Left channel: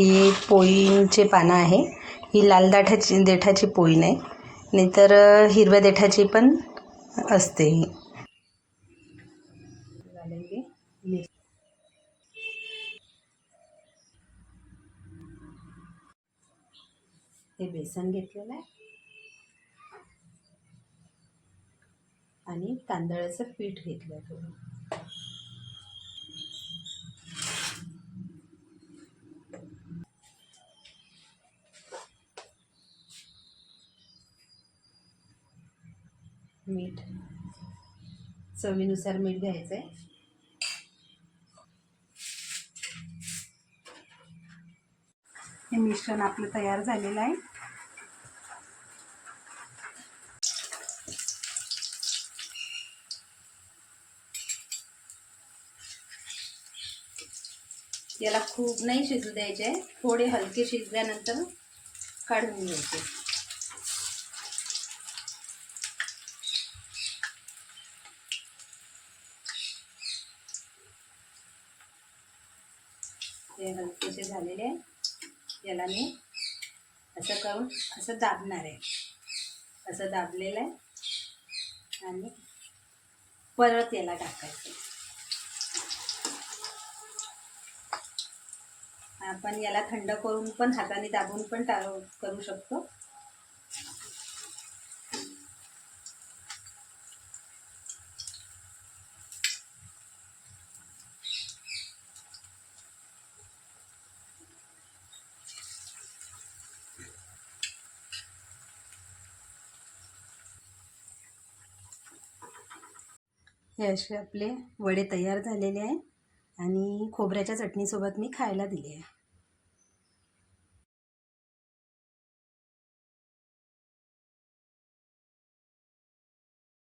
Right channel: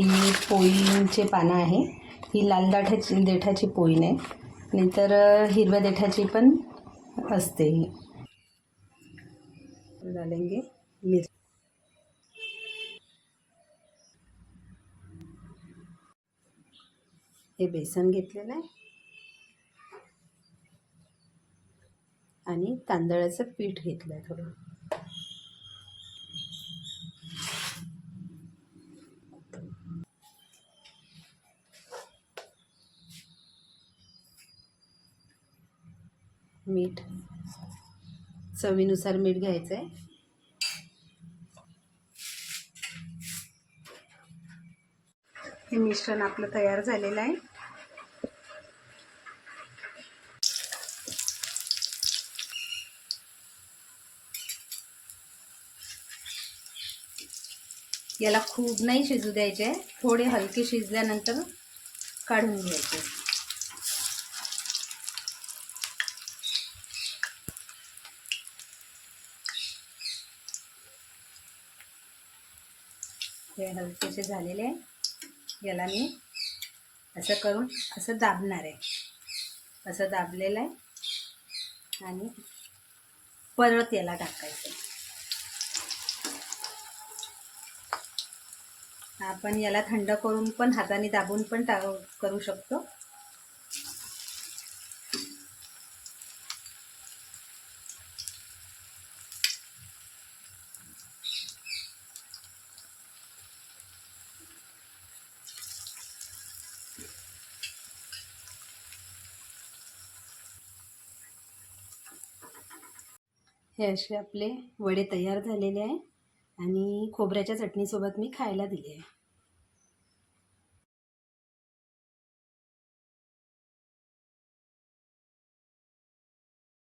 ही पोळींचे पानं आहे. ही लाल दाठाची देठाची पोळी नाही नाहीतर हिरव्या देठाची पण असते ही. घालेंगे मिर. हे बेसन घेतलेलं आहे. आणि तांदळाचं पीठ घेतलं आहे थोडं. मीठ. चवीनुसार मीठ घ्यायचं आहे हे मिश्रण आपलं तयार झालेलं आहे. याला खूप नाही शिजू द्यायचे थोडे हलके शिजल्यानंतर काढून घ्यायचे. हे हलकेसे झालेले आहे. याला मी असं करून असं दाबणार आहे. असं दाबलेलं आहे. आणि परत याला टाकायचं. आपण याला थंड करून पण हाताने दाबून पण टा करू शकतो. हे असे आपले वडे तयार झालेले आहे आणि खोबऱ्याच्या चटणीसोबत मी खायला दिले आहे.